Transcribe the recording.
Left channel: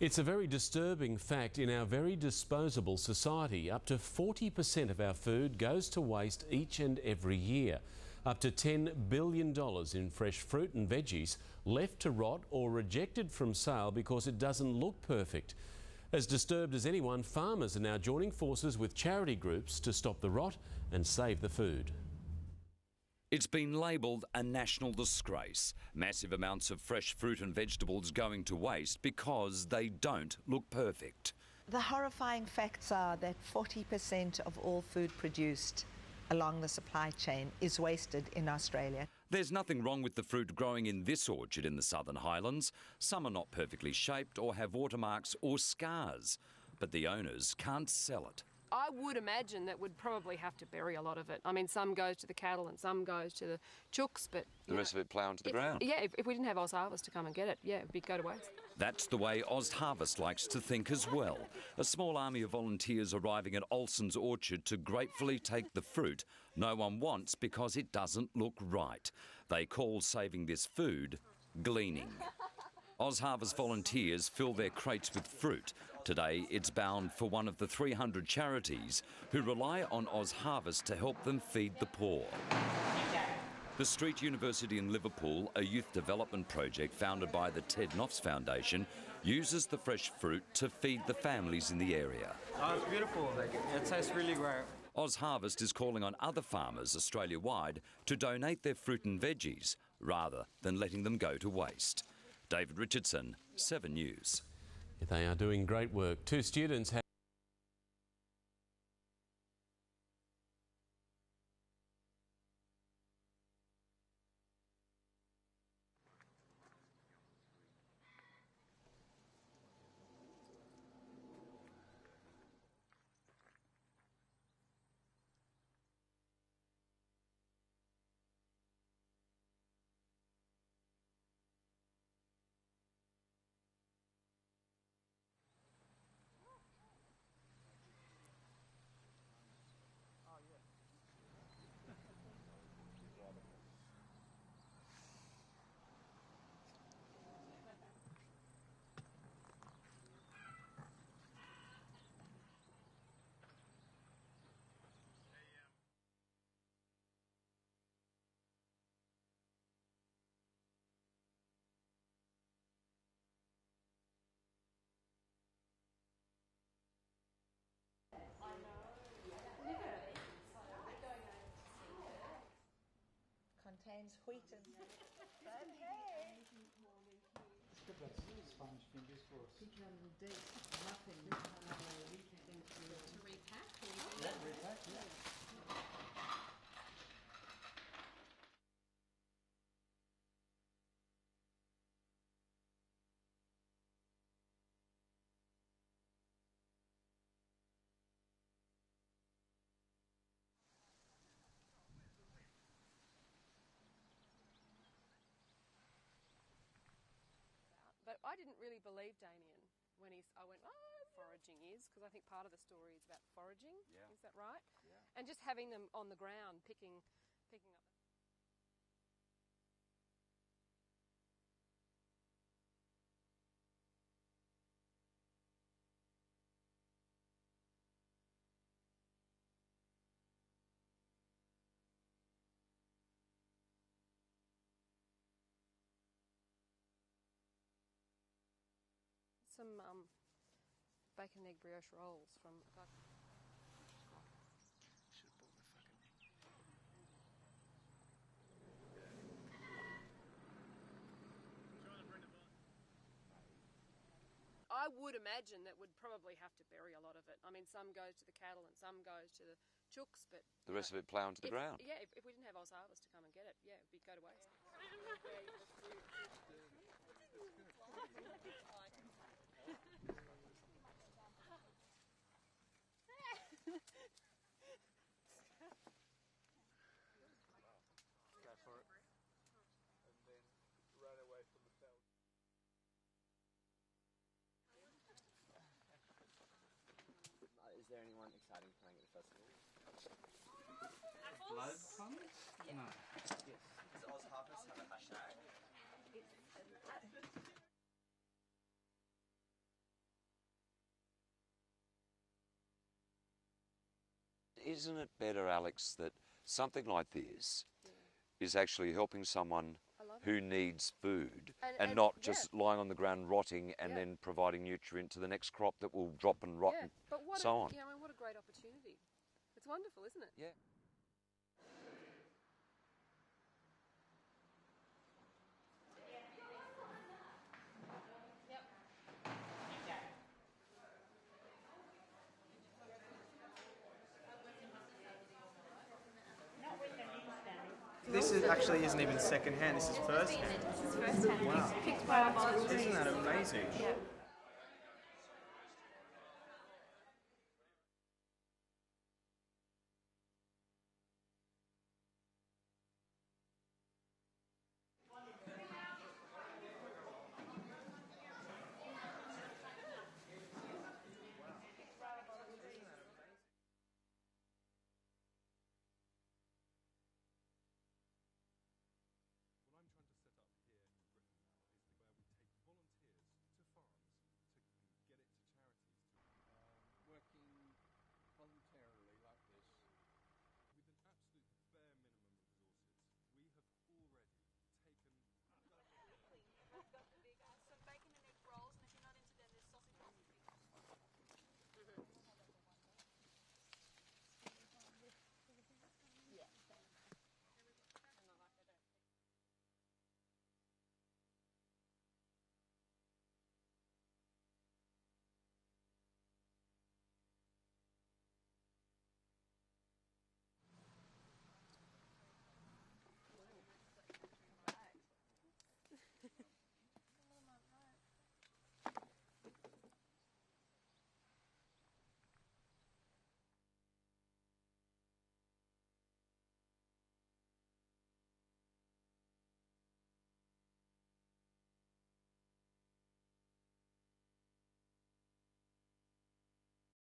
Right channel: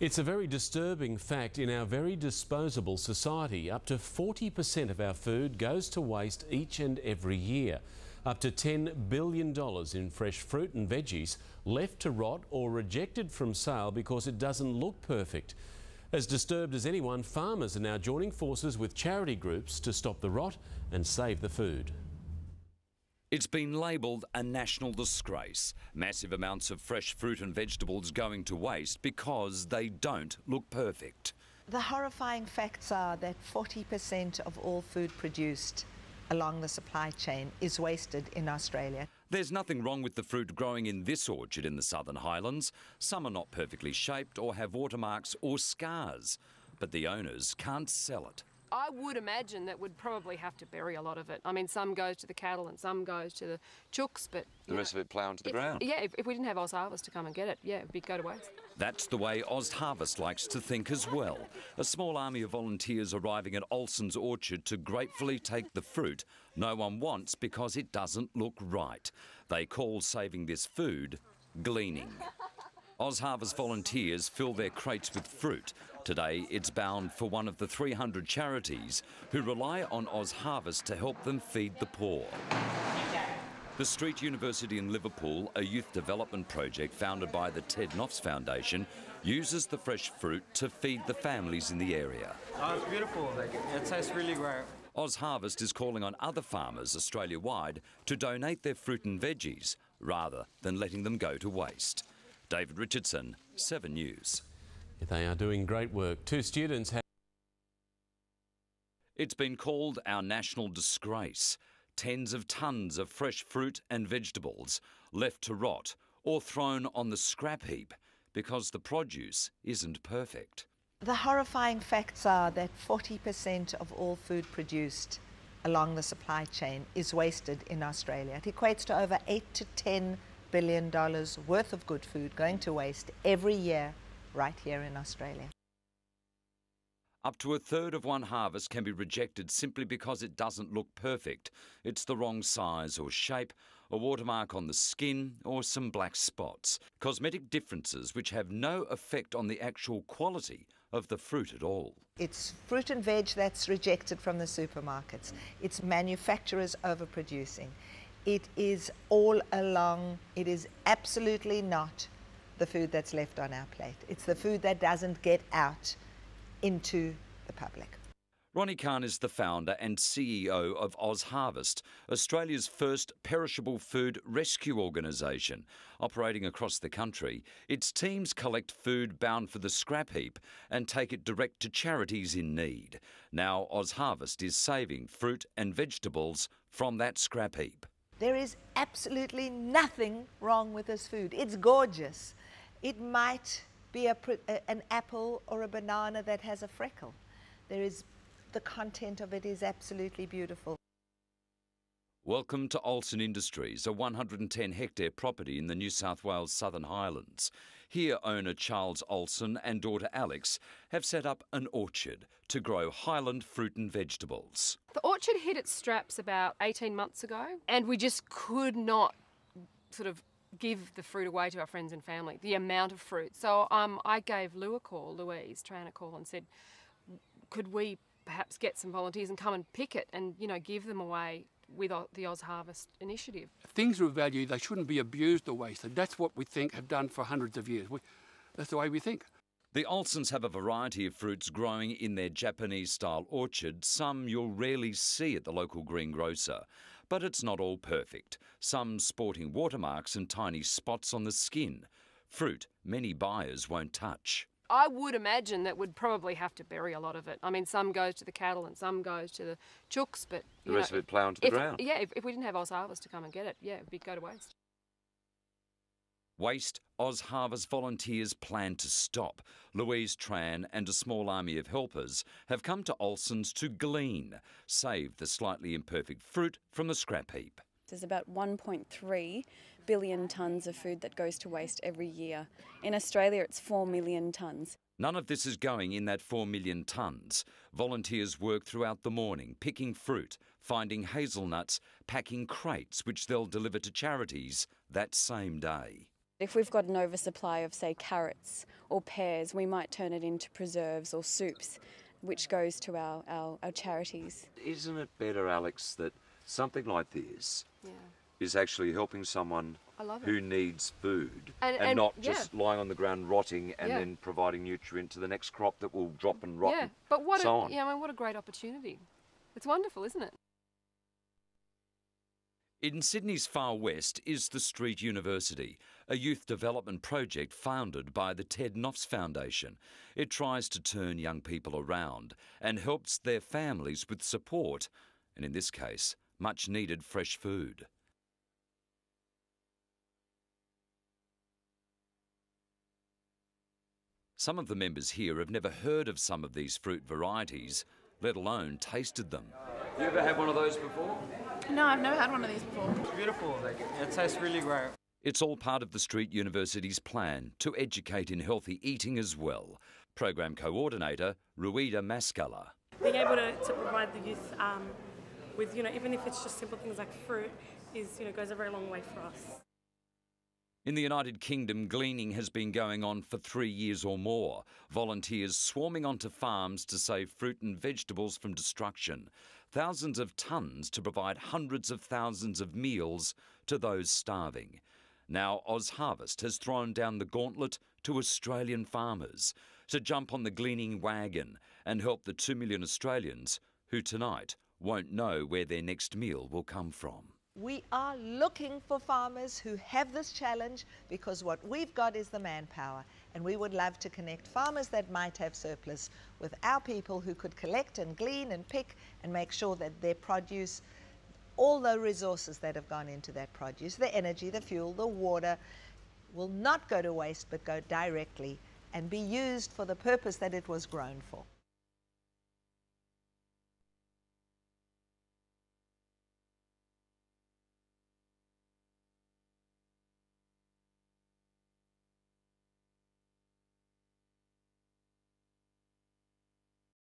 It's a very disturbing fact in our very disposable society. Up to 40% of our food goes to waste each and every year. Up to $10 billion in fresh fruit and veggies left to rot or rejected from sale because it doesn't look perfect. As disturbed as anyone, farmers are now joining forces with charity groups to stop the rot and save the food. It's been labelled a national disgrace. Massive amounts of fresh fruit and vegetables going to waste because they don't look perfect. The horrifying facts are that 40% of all food produced along the supply chain is wasted in Australia. There's nothing wrong with the fruit growing in this orchard in the Southern Highlands. Some are not perfectly shaped or have watermarks or scars, but the owners can't sell it. I would imagine that we'd probably have to bury a lot of it. I mean, some goes to the cattle and some goes to the chooks, but... The rest of it ploughed to the ground? Yeah, if we didn't have OzHarvest to come and get it, yeah, it'd go to waste. That's the way OzHarvest likes to think as well. A small army of volunteers arriving at Olsson's orchard to gratefully take the fruit no one wants because it doesn't look right. They call saving this food gleaning. OzHarvest volunteers fill their crates with fruit. Today it's bound for one of the 300 charities who rely on OzHarvest to help them feed the poor. The Street University in Liverpool, a youth development project founded by the Ted Knopf's Foundation, uses the fresh fruit to feed the families in the area. Oh, it's beautiful. It tastes really great. OzHarvest is calling on other farmers Australia-wide to donate their fruit and veggies rather than letting them go to waste. David Richardson, 7 News. They are doing great work. Two students have... It's been called our national disgrace. Tens of tonnes of fresh fruit and vegetables left to rot or thrown on the scrap heap because the produce isn't perfect. The horrifying facts are that 40% of all food produced along the supply chain is wasted in Australia. It equates to over $8 to $10 billion worth of good food going to waste every year right here in Australia. Up to a third of one harvest can be rejected simply because it doesn't look perfect. It's the wrong size or shape, a watermark on the skin or some black spots. Cosmetic differences which have no effect on the actual quality of the fruit at all. It's fruit and veg that's rejected from the supermarkets. It's manufacturers overproducing. It is all along, it is absolutely not the food that's left on our plate. It's the food that doesn't get out into the public. Ronnie Khan is the founder and CEO of OzHarvest, Australia's first perishable food rescue organisation. Operating across the country, its teams collect food bound for the scrap heap and take it direct to charities in need. Now OzHarvest is saving fruit and vegetables from that scrap heap. There is absolutely nothing wrong with this food. It's gorgeous. It might be an apple or a banana that has a freckle. The content of it is absolutely beautiful. Welcome to Olsson Industries, a 110-hectare property in the New South Wales Southern Highlands. Here owner Charles Olsson and daughter Alex have set up an orchard to grow highland fruit and vegetables. The orchard hit its straps about 18 months ago and we just could not sort of give the fruit away to our friends and family, the amount of fruit. So I gave Louise Tran a call and said, could we perhaps get some volunteers and come and pick it and, you know, give them away with the OzHarvest initiative. Things of value, they shouldn't be abused or wasted. That's what we think have done for hundreds of years. That's the way we think. The Olssons have a variety of fruits growing in their Japanese-style orchard. Some you'll rarely see at the local greengrocer. But it's not all perfect. Some sporting watermarks and tiny spots on the skin. Fruit many buyers won't touch. I would imagine that we'd probably have to bury a lot of it. I mean, some goes to the cattle and some goes to the chooks, but... The rest of it ploughed to the ground? Yeah, if we didn't have OzHarvest to come and get it, yeah, it'd go to waste. Waste, OzHarvest volunteers plan to stop. Louise Tran and a small army of helpers have come to Olsson's to glean, save the slightly imperfect fruit from the scrap heap. There's about 1.3 billion tonnes of food that goes to waste every year. In Australia, it's 4 million tonnes. None of this is going in that 4 million tonnes. Volunteers work throughout the morning, picking fruit, finding hazelnuts, packing crates which they'll deliver to charities that same day. If we've got an oversupply of, say, carrots or pears, we might turn it into preserves or soups, which goes to our charities. Isn't it better, Alex, that something like this is actually helping someone who needs food and not just lying on the ground rotting and then providing nutrient to the next crop that will drop and rot and but what so on? I mean, what a great opportunity. It's wonderful, isn't it? In Sydney's far west is the Street University, a youth development project founded by the Ted Knopfs Foundation. It tries to turn young people around and helps their families with support, and in this case, much needed fresh food. This actually isn't even second-hand, this is first-hand. This is first-hand. Wow. Picked by our volunteers. Isn't that amazing? Yeah. Some of the members here have never heard of some of these fruit varieties, let alone tasted them. You ever had one of those before? No, I've never had one of these before. It's beautiful, it tastes really great. It's all part of the Street University's plan to educate in healthy eating as well. Program coordinator, Ruida Mascala. Being able to provide the youth with, even if it's just simple things like fruit, goes a very long way for us. In the United Kingdom, gleaning has been going on for 3 years or more. Volunteers swarming onto farms to save fruit and vegetables from destruction. Thousands of tonnes to provide hundreds of thousands of meals to those starving. Now OzHarvest has thrown down the gauntlet to Australian farmers to jump on the gleaning wagon and help the 2 million Australians who tonight won't know where their next meal will come from. We are looking for farmers who have this challenge because what we've got is the manpower, and we would love to connect farmers that might have surplus with our people who could collect and glean and pick and make sure that their produce, all the resources that have gone into that produce, the energy, the fuel, the water, will not go to waste but go directly and be used for the purpose that it was grown for.